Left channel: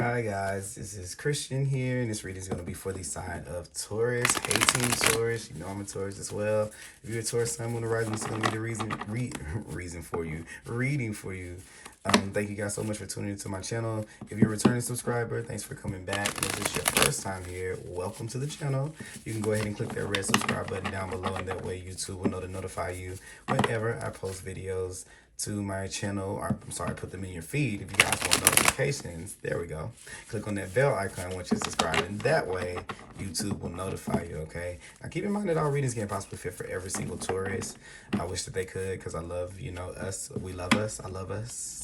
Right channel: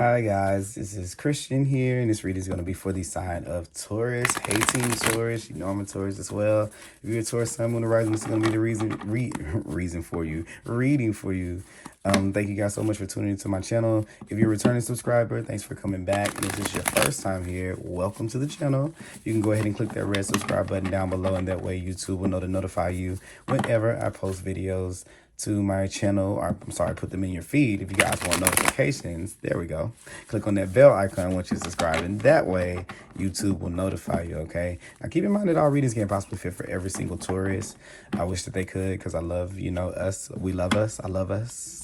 Hi guys, this is Christian here, and this reading is going to be for the sign of Taurus. Hey team Taurus, you know I'm a Taurus as well. If you're a Taurus sun, moon, or rising, this is going to be the reading for you. Thank you guys so much for tuning into my channel. If you're a returning subscriber, thanks for coming back. If this is your first time here, welcome to the channel. You can go ahead and click that red subscribe button down below, and that way YouTube will know to notify you whenever I post videos to my channel, or I'm sorry, put them in your feed. If you guys want notifications, there we go. Click on that bell icon once you subscribe, and that way YouTube will notify you, okay? Now keep in mind that all readings can't possibly fit for every single Taurus. I wish that they could, because I love, us. We love us. I love us.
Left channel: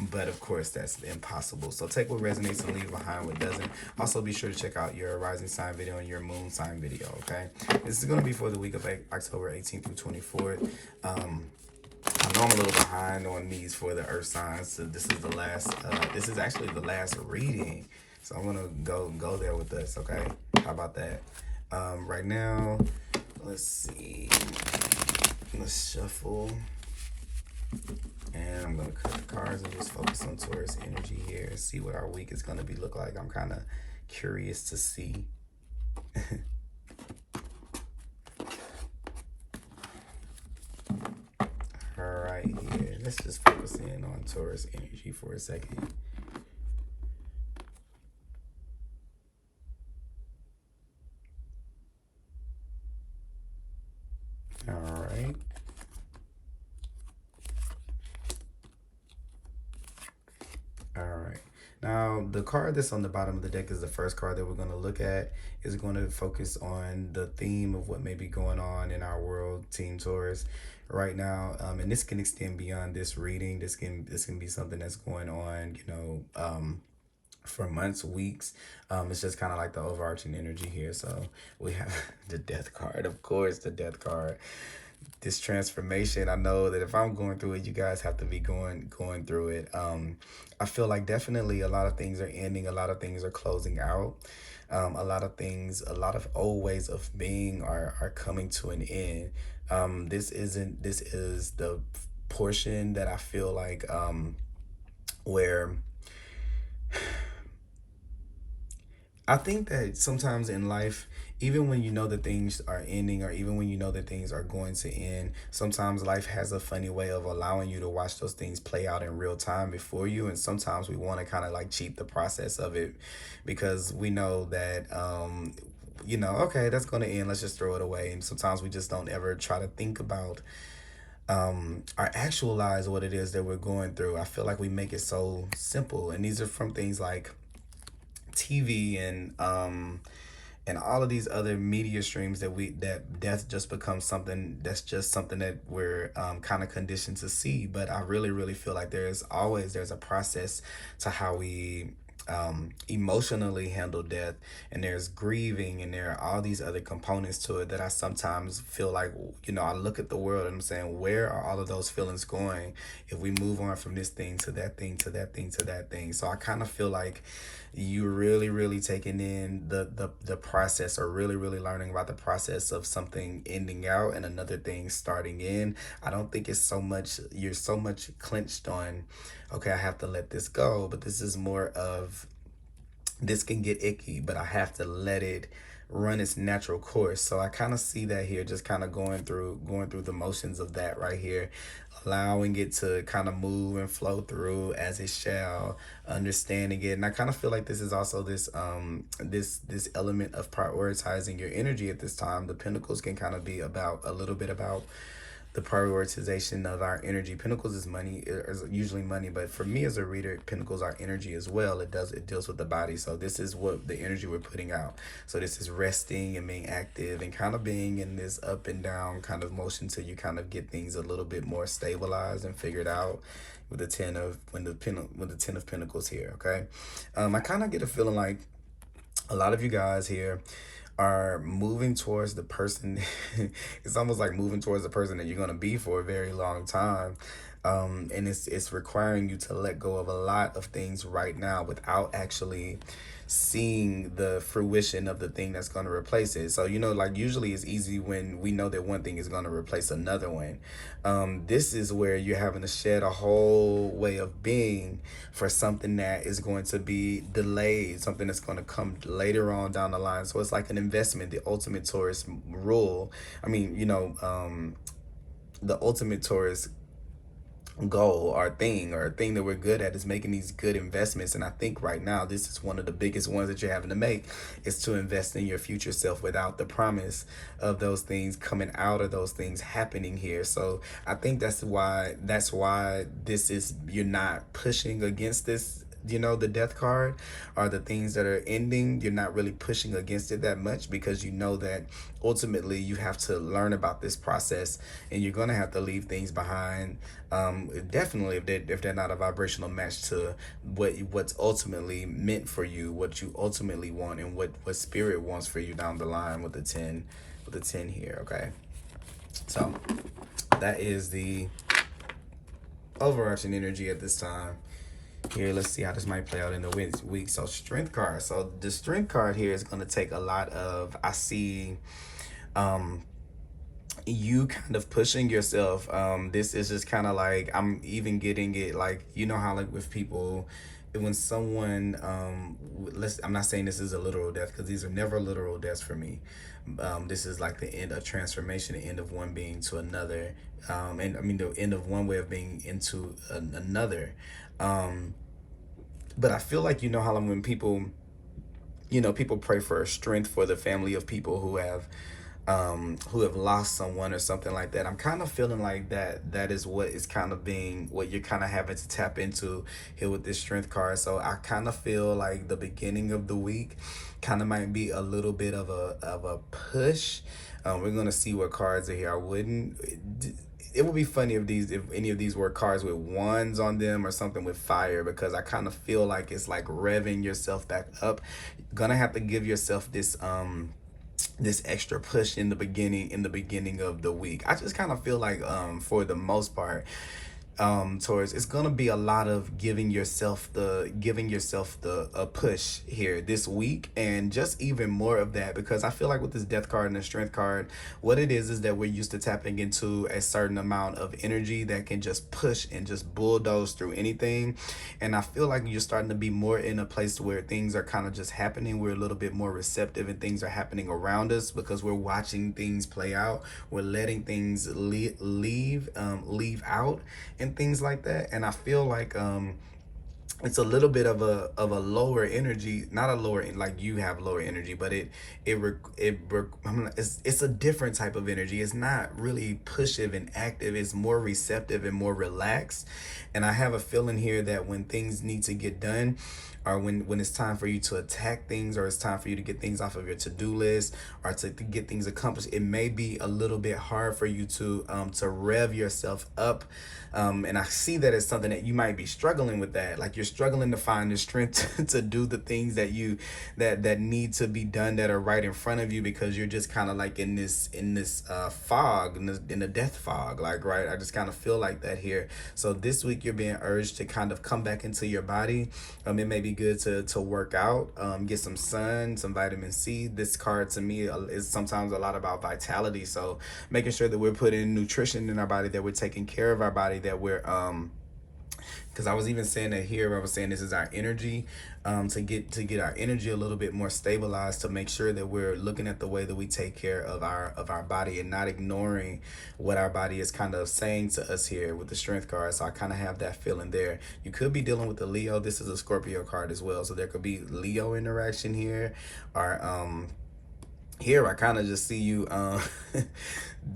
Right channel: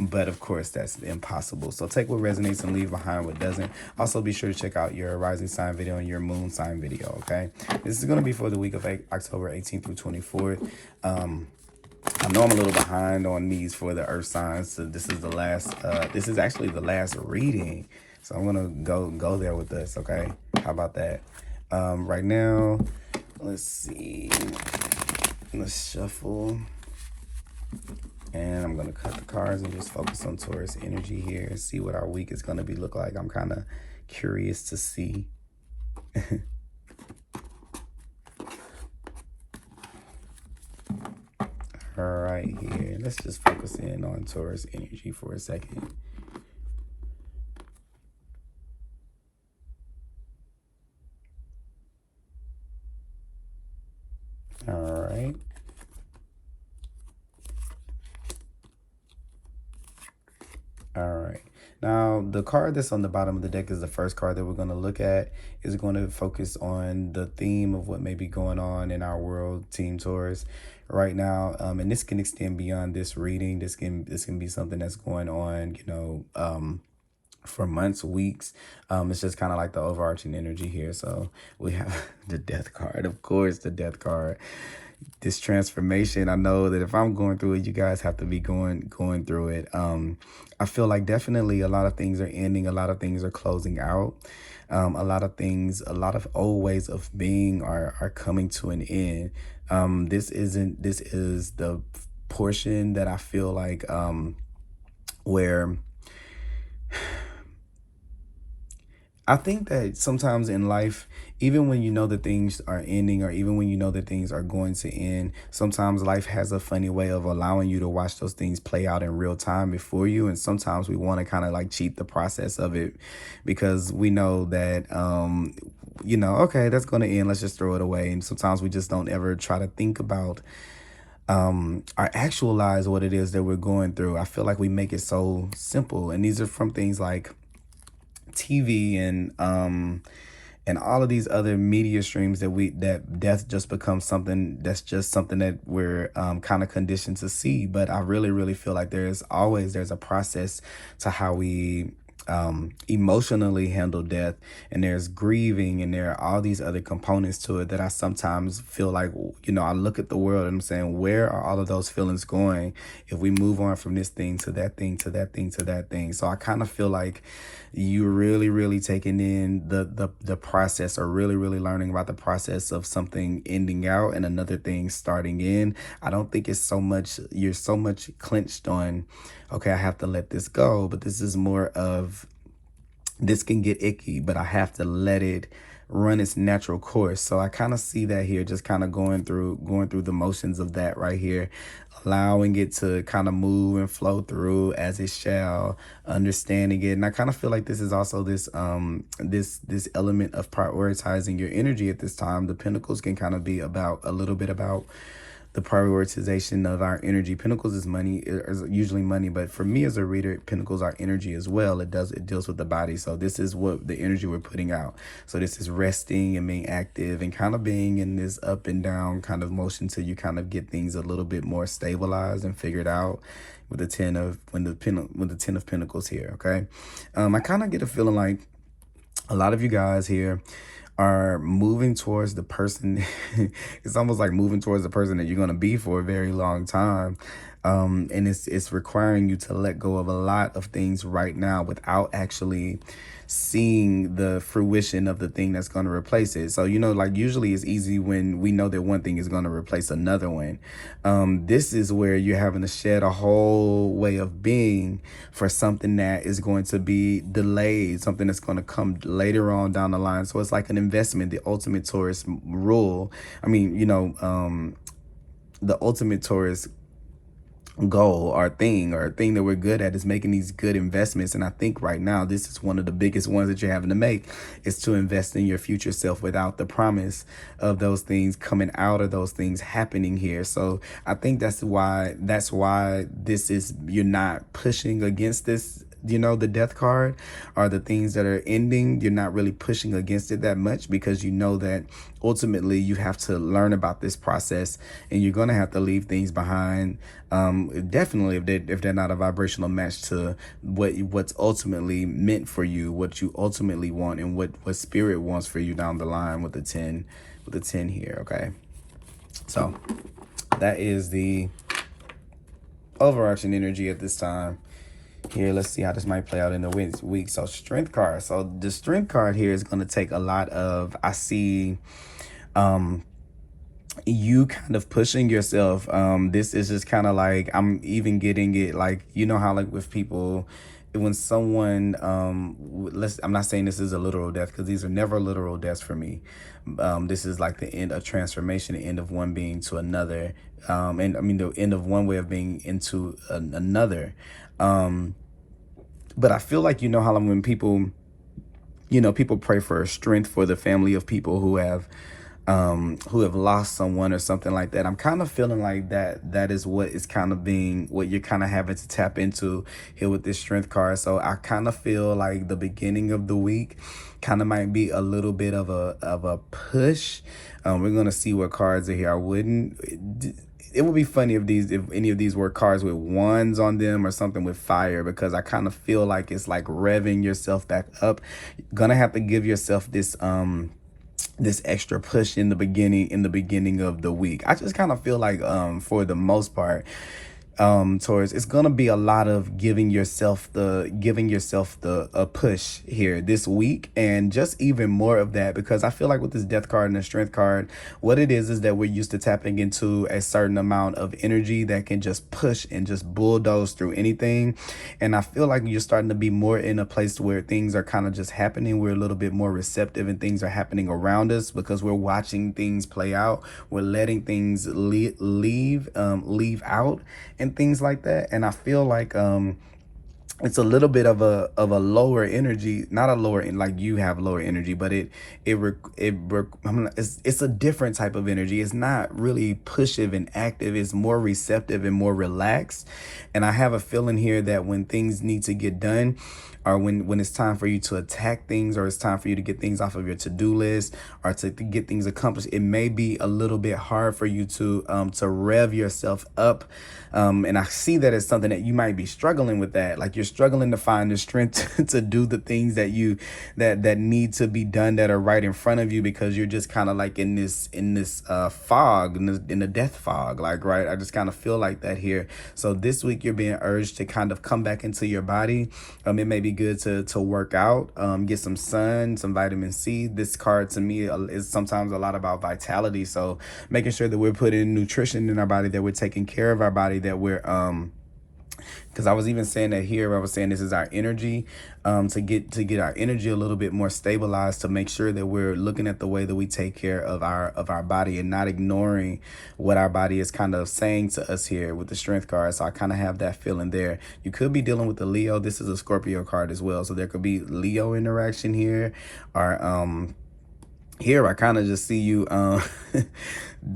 But of course, that's impossible. So take what resonates and leave behind what doesn't. Also, be sure to check out your rising sign video and your moon sign video, okay? This is going to be for the week of October 18th through 24th. I know I'm a little behind on these for the earth signs, so this is the last, this is actually the last reading. So I'm gonna go there with this, okay? How about that? Right now, let's see. Let's shuffle. And I'm gonna cut the cards and just focus on Taurus energy here and see what our week is gonna be look like. I'm kind of curious to see. All right, here, let's just focus in on Taurus energy for a second. All right. All right. Now, the card that's on the bottom of the deck is the first card that we're going to look at. Is going to focus on the theme of what may be going on in our world, Team Taurus, right now. And this can extend beyond this reading. This can be something that's going on, for months, weeks. It's just kind of like the overarching energy here. So we have the death card, of course, the death card. This transformation, I know that if I'm going through it, you guys have to be going through it. I feel like definitely a lot of things are ending, a lot of things are closing out. A lot of old ways of being are coming to an end. This is the portion that I feel like where I think that sometimes in life, even when you know that things are ending, or even when you know that things are going to end, sometimes life has a funny way of allowing you to watch those things play out in real time before you. And sometimes we want to kind of like cheat the process of it, because we know that, okay, that's going to end. Let's just throw it away. And sometimes we just don't ever try to think about or actualize what it is that we're going through. I feel like we make it so simple. And these are from things like TV and all of these other media streams that death just becomes something that we're kind of conditioned to see. But I really feel like there's a process to how we emotionally handle death, and there's grieving, and there are all these other components to it that I sometimes feel like, I look at the world and I'm saying, where are all of those feelings going if we move on from this thing to that thing to that thing to that thing? So I kind of feel like you're really taking in the process, or really learning about the process of something ending out and another thing starting in. I don't think it's you're so much clenched on, okay, I have to let this go, but this is more of, this can get icky, but I have to let it run its natural course. So I kind of see that here, just kind of going through the motions of that right here, allowing it to kind of move and flow through as it shall, understanding it. And I kind of feel like this is also this element of prioritizing your energy at this time. The Pentacles can kind of be about a little bit about the prioritization of our energy. Pentacles is money, is usually money, but for me as a reader, Pentacles are energy as well. It deals with the body. So this is what the energy we're putting out. So this is resting and being active and kind of being in this up and down kind of motion till you kind of get things a little bit more stabilized and figured out with the Ten of Pentacles here, okay? I kind of get a feeling like a lot of you guys here are moving towards the person. It's almost like moving towards the person that you're going to be for a very long time. And it's requiring you to let go of a lot of things right now without actually seeing the fruition of the thing that's going to replace it. So, like usually it's easy when we know that one thing is going to replace another one. This is where you're having to shed a whole way of being for something that is going to be delayed, something that's going to come later on down the line. So it's like an investment, the ultimate Taurus rule. I mean, the ultimate Taurus goal or thing that we're good at is making these good investments. And I think right now this is one of the biggest ones that you're having to make, is to invest in your future self without the promise of those things coming out or those things happening here. So I think that's why this is, you're not pushing against this. The death card are the things that are ending. You're not really pushing against it that much because you know that ultimately you have to learn about this process and you're going to have to leave things behind. Definitely if they're not a vibrational match to what's ultimately meant for you, what you ultimately want, and what spirit wants for you down the line with the 10 here. Okay, so that is the overarching energy at this time. Here, let's see how this might play out in the week. So strength card. So the strength card here is going to take a lot of, I see, you kind of pushing yourself. This is just kind of like, I'm even getting it like, how like with people, when someone, I'm not saying this is a literal death because these are never literal deaths for me. This is like the end of transformation, the end of one being to another. And I mean, the end of one way of being into another. But I feel like, how when people, people pray for strength for the family of people who have lost someone or something like that. I'm kind of feeling like that is what is kind of being, what you're kind of having to tap into here with this strength card. So I kind of feel like the beginning of the week kind of might be a little bit of a push. We're going to see what cards are here. It would be funny if any of these were cards with wands on them or something with fire, because I kind of feel like it's like revving yourself back up. You're gonna have to give yourself this this extra push in the beginning of the week. I just kind of feel like for the most part, Taurus, it's gonna be a lot of giving yourself a push here this week, and just even more of that, because I feel like with this death card and the strength card, what it is that we're used to tapping into a certain amount of energy that can just push and just bulldoze through anything. And I feel like you're starting to be more in a place where things are kind of just happening. We're a little bit more receptive and things are happening around us because we're watching things play out. We're letting things leave out and things like that. And I feel like it's a little bit of a lower energy, not a lower, like you have lower energy, but it's a different type of energy. It's not really pushive and active. It's more receptive and more relaxed. And I have a feeling here that when things need to get done, or when it's time for you to attack things, or it's time for you to get things off of your to-do list, or to get things accomplished, it may be a little bit hard for you to rev yourself up. And I see that as something that you might be struggling with, that like you're struggling to find the strength to do the things that need to be done that are right in front of you, because you're just kind of like in this fog, in the death fog, like, right? I just kind of feel like that here. So this week you're being urged to kind of come back into your body. It may be good to work out, get some sun, some vitamin C. This card to me is sometimes a lot about vitality. So making sure that we're putting nutrition in our body, that we're taking care of our body, that we're because I was even saying that here, I was saying this is our energy, to get our energy a little bit more stabilized, to make sure that we're looking at the way that we take care of our body and not ignoring what our body is kind of saying to us here with the strength card. So I kind of have that feeling there. You could be dealing with the Leo. This is a Scorpio card as well, so there could be Leo interaction here, or here I kind of just see you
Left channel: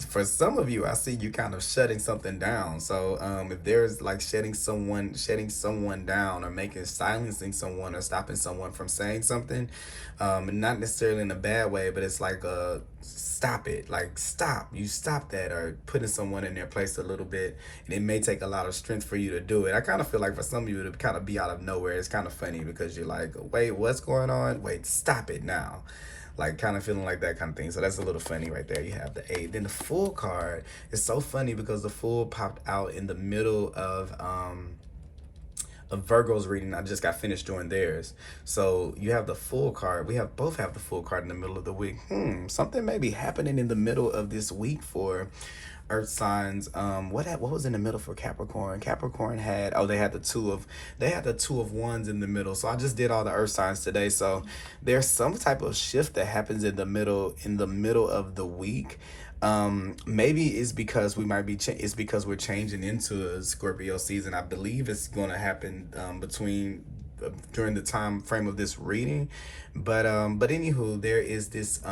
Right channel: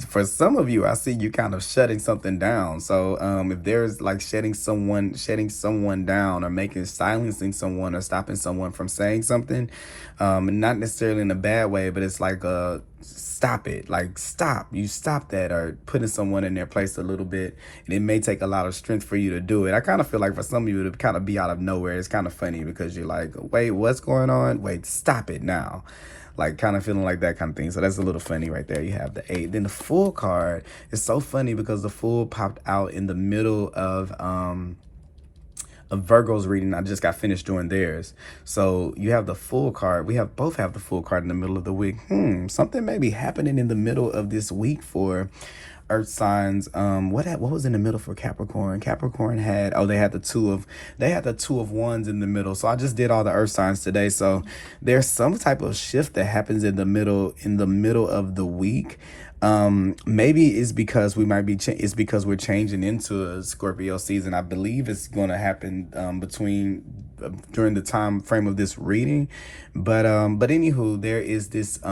for some of you, I see you kind of shutting something down. So if there's like shutting someone down, or silencing someone, or stopping someone from saying something, not necessarily in a bad way, but it's like stop it, like stop that, or putting someone in their place a little bit. And it may take a lot of strength for you to do it. I kind of feel like for some of you to kind of be out of nowhere. It's kind of funny because you're like, wait, what's going on? Wait, stop it now. like kind of feeling like that kind of thing. So that's a little funny right there. You have the 8. Then the Fool card is so funny because the Fool popped out in the middle of Virgo's reading. I just got finished doing theirs. So you have the Fool card. We have both have the Fool card in the middle of the week. Something may be happening in the middle of this week for earth signs. What was in the middle for Capricorn? Capricorn had they had the two of wands in the middle. So I just did all the earth signs today. So there's some type of shift that happens in the middle of the week. Maybe it's because we might be it's because we're changing into a Scorpio season. I believe it's going to happen during the time frame of this reading, but anywho, there is this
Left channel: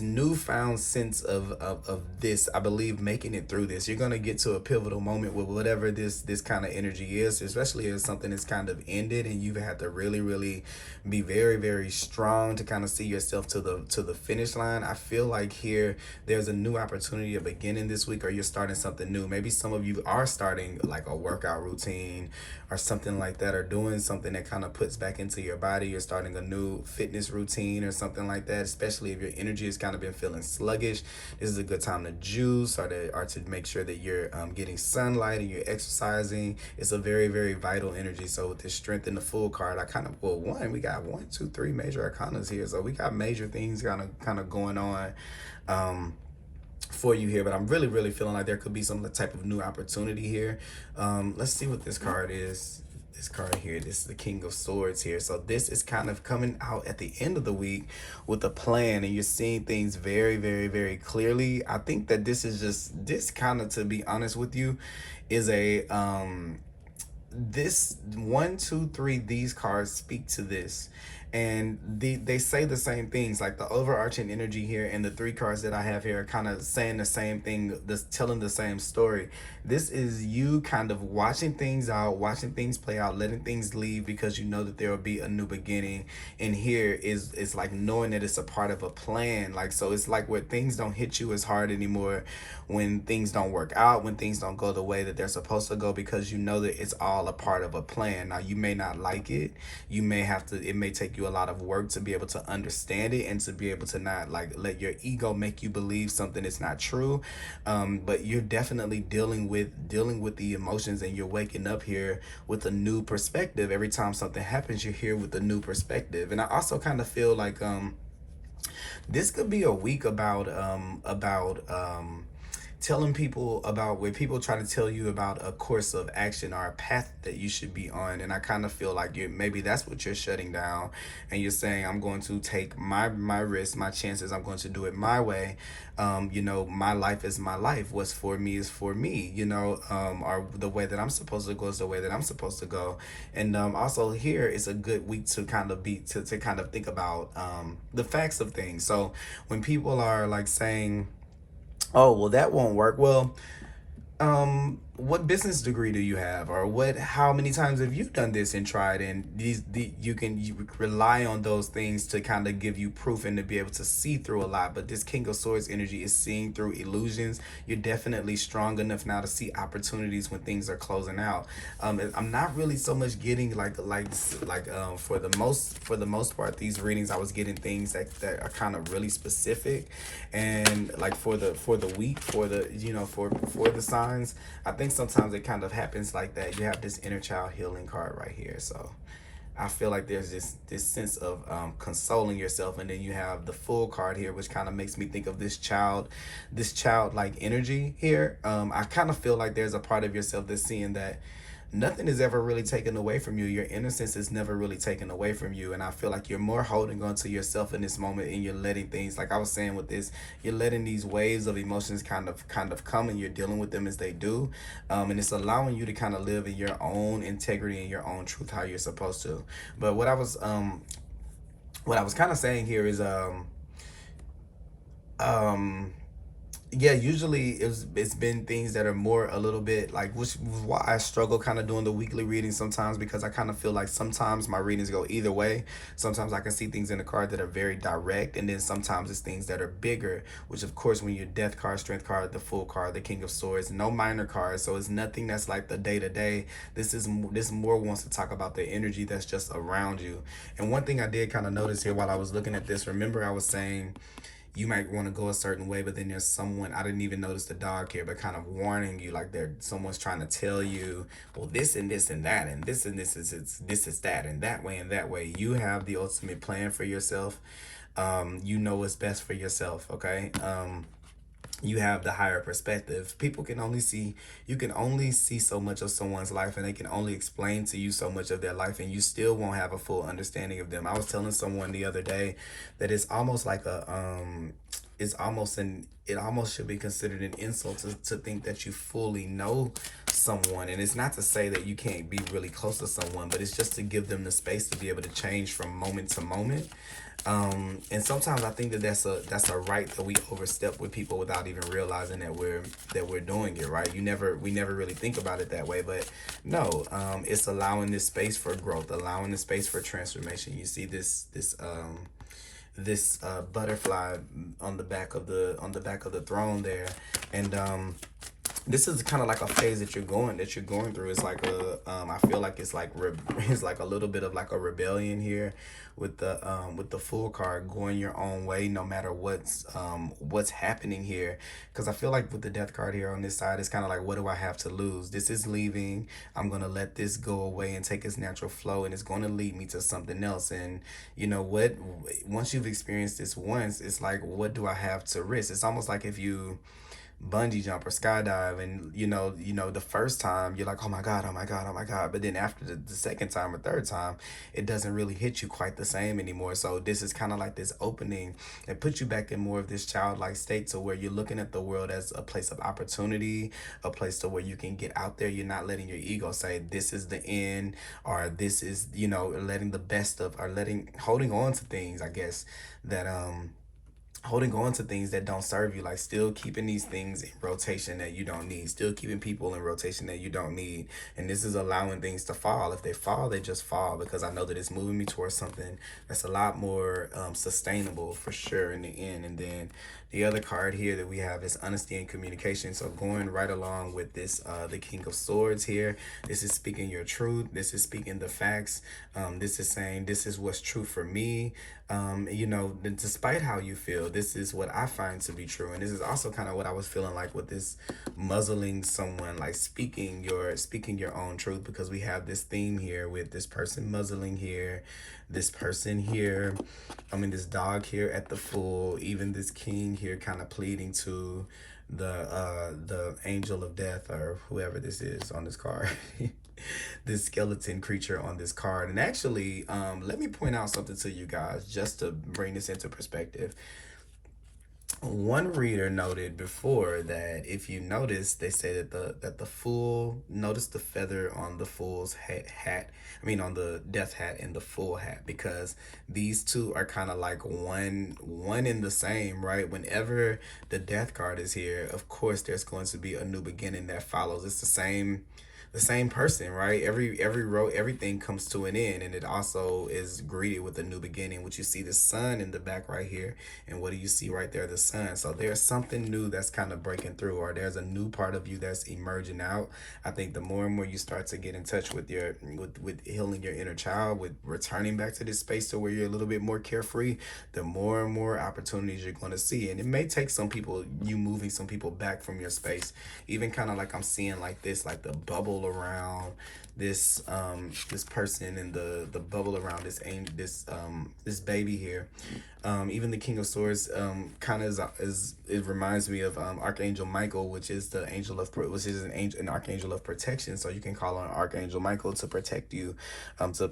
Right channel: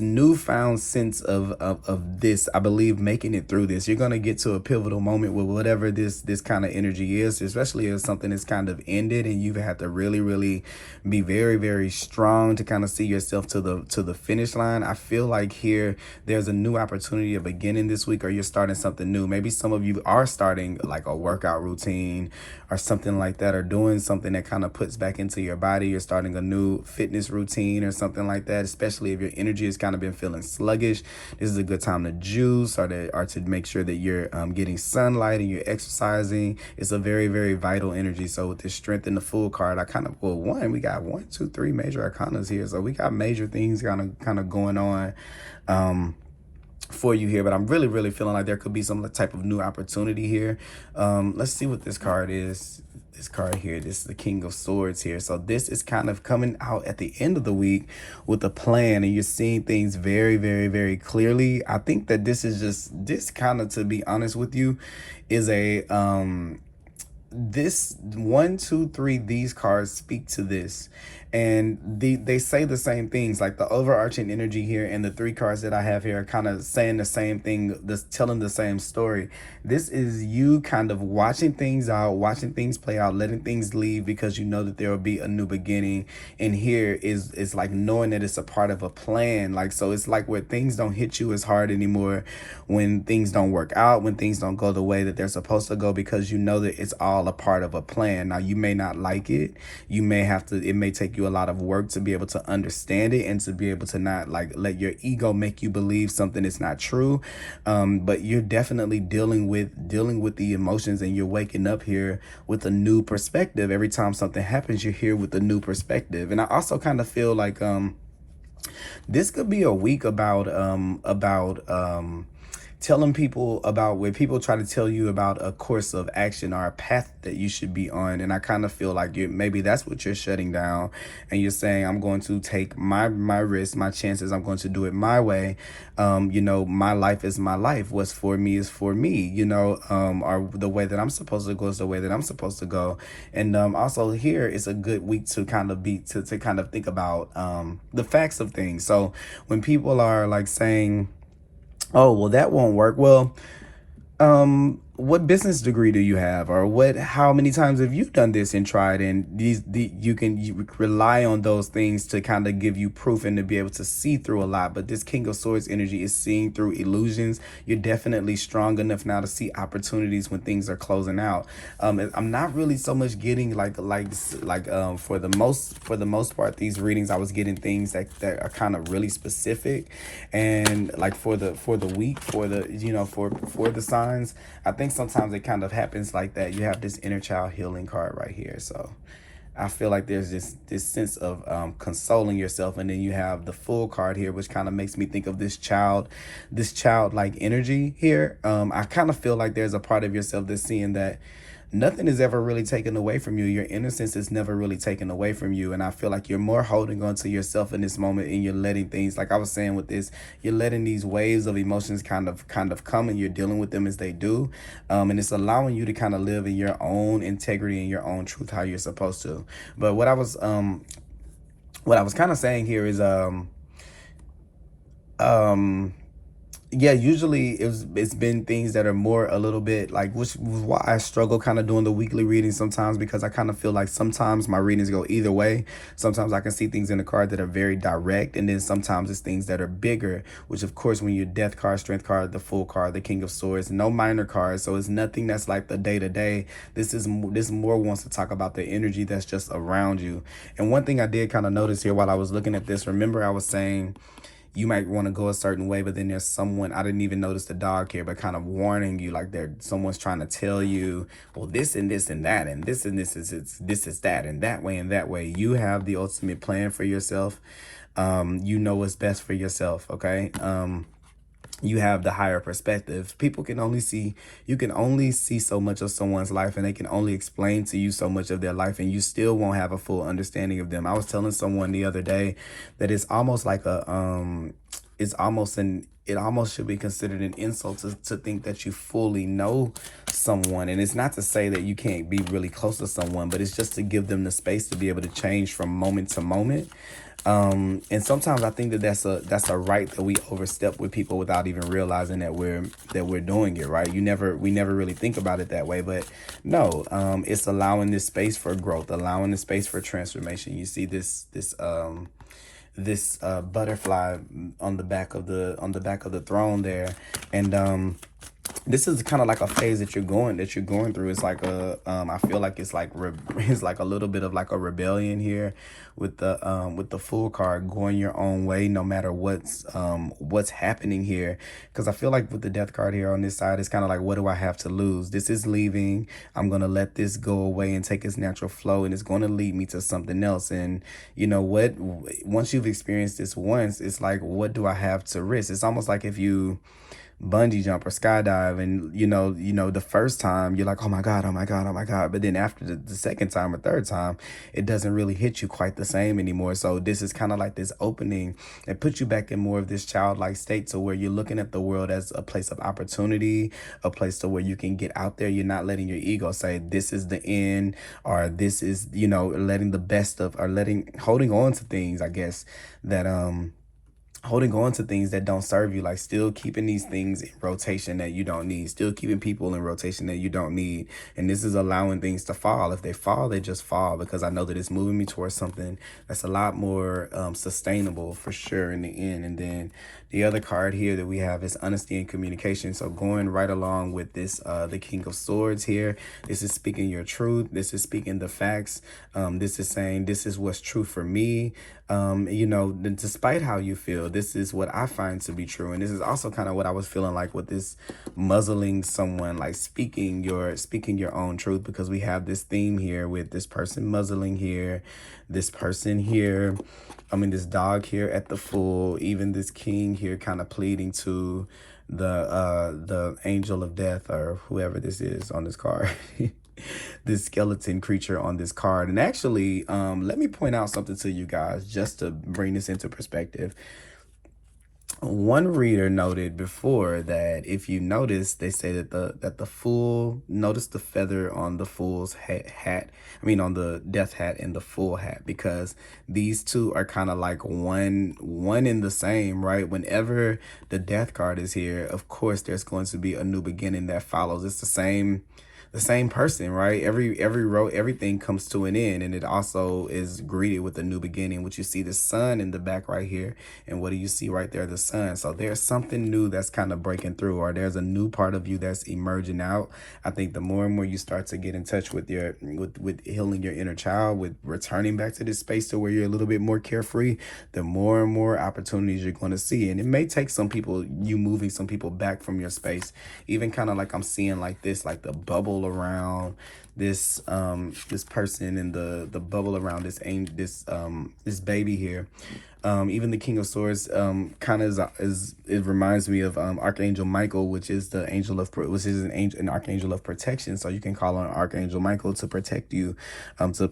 newfound sense of this, I believe, making it through this. You're going to get to a pivotal moment with whatever this kind of energy is, especially if something is kind of ended and you have to really, really be very, very strong to kind of see yourself to the finish line. I feel like here there's a new opportunity of beginning this week, or you're starting something new. Maybe some of you are starting like a workout routine or something like that, or doing something that kind of puts back into your body. You're starting a new fitness routine or something like that, especially if your energy has kind of been feeling sluggish. This is a good time to juice or to make sure that you're getting sunlight and you're exercising. It's a very, very vital energy. So with this Strength in the Fool card, we got 1, 2, 3 major arcanas here. So we got major things kind of going on for you here, but I'm really, really feeling like there could be some type of new opportunity here. Let's see what this card is. This card here, this is the King of Swords here. So this is kind of coming out at the end of the week with a plan, and you're seeing things very, very, very clearly. I think that this kind of, to be honest with you, is a this 1, 2, 3, these cards speak to this, and they say the same things. Like the overarching energy here and the 3 cards that I have here are kind of saying the same thing, telling the same story. This is you kind of watching things out, watching things play out, letting things leave because you know that there will be a new beginning. And here is like knowing that it's a part of a plan. Like, so it's like where things don't hit you as hard anymore, when things don't work out, when things don't go the way that they're supposed to go, because you know that it's all a part of a plan. Now, you may not like it. You may have to, it may take you a lot of work to be able to understand it and to be able to not like let your ego make you believe something is not true. But you're definitely dealing with the emotions, and you're waking up here with a new perspective. Every time something happens, you're here with a new perspective. And I also kind of feel like this could be a week about telling people about, where people try to tell you about a course of action or a path that you should be on. And I kind of feel like maybe that's what you're shutting down, and you're saying, I'm going to take my risk, my chances. I'm going to do it my way. My life is my life. What's for me is for me, or the way that I'm supposed to go is the way that I'm supposed to go. And also here, it's a good week to kind of to kind of think about the facts of things. So when people are like saying, oh, well, that won't work. Well, what business degree do you have, or how many times have you done this and tried? And you rely on those things to kind of give you proof and to be able to see through a lot. But this King of Swords energy is seeing through illusions. You're definitely strong enough now to see opportunities when things are closing out. I'm not really so much getting for the most part, these readings, I was getting things that are kind of really specific, and like for the week, for the signs, I think sometimes it kind of happens like that. You have this inner child healing card right here. So I feel like there's this sense of consoling yourself, and then you have the Fool card here, which kind of makes me think of this childlike energy here. I kind of feel like there's a part of yourself that's seeing that nothing is ever really taken away from you. Your innocence is never really taken away from you. And I feel like you're more holding on to yourself in this moment, and you're letting things, like I was saying with this, you're letting these waves of emotions kind of come, and you're dealing with them as they do. And it's allowing you to kind of live in your own integrity and your own truth, how you're supposed to. But what I was kind of saying here is, Yeah, usually it's been things that are more a little bit like, which is why I struggle kind of doing the weekly reading sometimes, because I kind of feel like sometimes my readings go either way. Sometimes I can see things in the card that are very direct, and then sometimes it's things that are bigger, which of course when you're death card, strength card, the full card, the king of swords, no minor cards, so it's nothing that's like the day to day. This more wants to talk about the energy that's just around you. And one thing I did kind of notice here while I was looking at this, remember I was saying you might want to go a certain way, but then there's someone, I didn't even notice the dog here, but kind of warning you, like someone's trying to tell you, well, this and this and that, and this is this is that, and that way and that way. You have the ultimate plan for yourself. You know what's best for yourself. Okay. You have the higher perspective. People can only see, you can only see so much of someone's life, and they can only explain to you so much of their life, and you still won't have a full understanding of them. I was telling someone the other day that it's almost like it almost should be considered an insult to think that you fully know someone. And it's not to say that you can't be really close to someone, but it's just to give them the space to be able to change from moment to moment. And sometimes I think that that's a right that we overstep with people without even realizing that we're doing it, right. We never really think about it that way, but no, it's allowing this space for growth, allowing the space for transformation. You see this butterfly on the back of the throne there, and this is kind of like a phase that you're going through. It's like I feel like it's like it's like a little bit of like a rebellion here with the Fool card, going your own way no matter what's happening here. Because I feel like with the Death card here on this side, it's kind of like, what do I have to lose? This is leaving. I'm gonna let this go away and take its natural flow, and it's going to lead me to something else. And you know what, once you've experienced this once, it's like, what do I have to risk? It's almost like if you bungee jump or skydive, and the first time you're like, oh my god, oh my god, oh my god, but then after the second time or third time, it doesn't really hit you quite the same anymore. So this is kind of like this opening that puts you back in more of this childlike state, to where you're looking at the world as a place of opportunity, a place to where you can get out there. You're not letting your ego say this is the end, or this is, letting the best of, or holding on to things, I guess, that holding on to things that don't serve you, like still keeping these things in rotation that you don't need, still keeping people in rotation that you don't need. And this is allowing things to fall. If they fall, they just fall, because I know that it's moving me towards something that's a lot more sustainable for sure in the end. And then the other card here that we have is honesty and communication. So going right along with this, the King of Swords here, this is speaking your truth. This is speaking the facts. This is saying, this is what's true for me. Despite how you feel, this is what I find to be true. And this is also kind of what I was feeling like with this muzzling someone, like speaking your own truth, because we have this theme here with this person muzzling here, this person here, this dog here at the Fool, even this king here kind of pleading to the angel of death, or whoever this is on this card. This skeleton creature on this card. And actually, let me point out something to you guys just to bring this into perspective. One reader noted before that if you notice, they say that the Fool, notice the feather on the Fool's hat, on the death hat and the Fool hat, because these two are kind of like one in the same, right? Whenever the death card is here, of course there's going to be a new beginning that follows. It's the same person, right? Everything comes to an end, and it also is greeted with a new beginning, which you see the sun in the back right here. And what do you see right there? The sun. So there's something new that's kind of breaking through, or there's a new part of you that's emerging out. I think the more and more you start to get in touch with with healing your inner child, with returning back to this space to where you're a little bit more carefree, the more and more opportunities you're going to see. And it may take you moving some people back from your space, even kind of like I'm seeing like this, like the bubble around this person, and the bubble around this baby here. Even the King of Swords kind of it reminds me of Archangel Michael, which is an archangel of protection. So you can call on Archangel Michael to protect you, to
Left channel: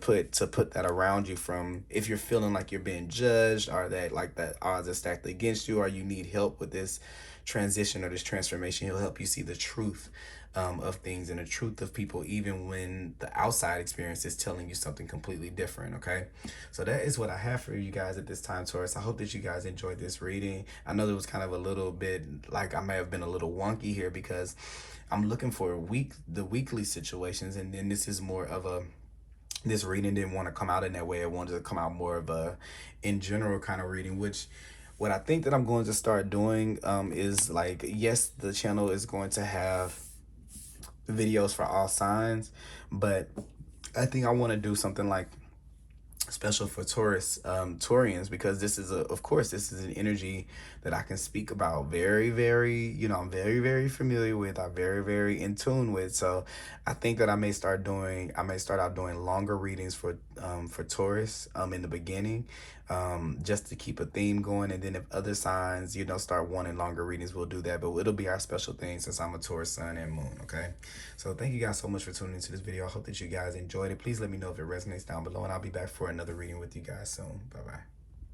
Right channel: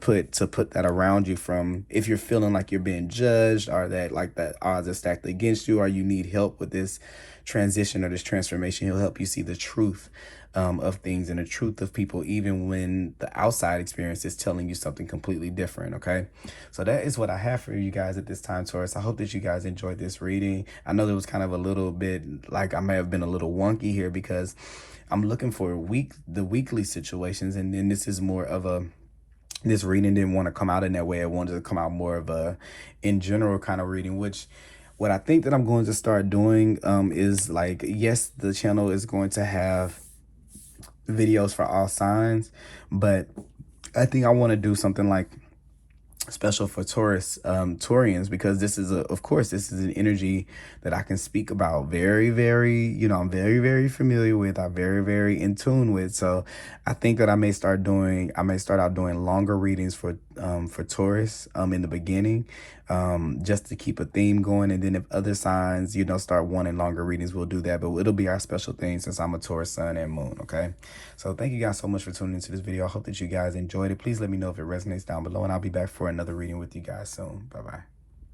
put that around you from, if you're feeling like you're being judged, or that odds are stacked against you, or you need help with this transition or this transformation. He'll help you see the truth. of things and the truth of people, even when the outside experience is telling you something completely different. Okay, so that is what I have for you guys at this time, Taurus. I hope that you guys enjoyed this reading. I know there was kind of a little bit like I may have been a little wonky here because I'm looking for the weekly situations, and then this is more of a, this reading didn't want to come out in that way. I wanted to come out more of a in general kind of reading, which what I think that I'm going to start doing is like, yes, the channel is going to have videos for all signs, but I think I want to do something like special for Taurus, Taurians, because this is of course, this is an energy that I can speak about very, very, you know, I'm very, very familiar with, I'm very, very in tune with. So I think that I may start out doing longer readings for Taurus in the beginning, just to keep a theme going. And then if other signs, you know, start wanting longer readings, we'll do that. But it'll be our special thing since I'm a Taurus sun and moon. Okay, so thank you guys so much for tuning into this video. I hope that you guys enjoyed it. Please let me know if it resonates down below, and I'll be back for another reading with you guys soon. Bye bye.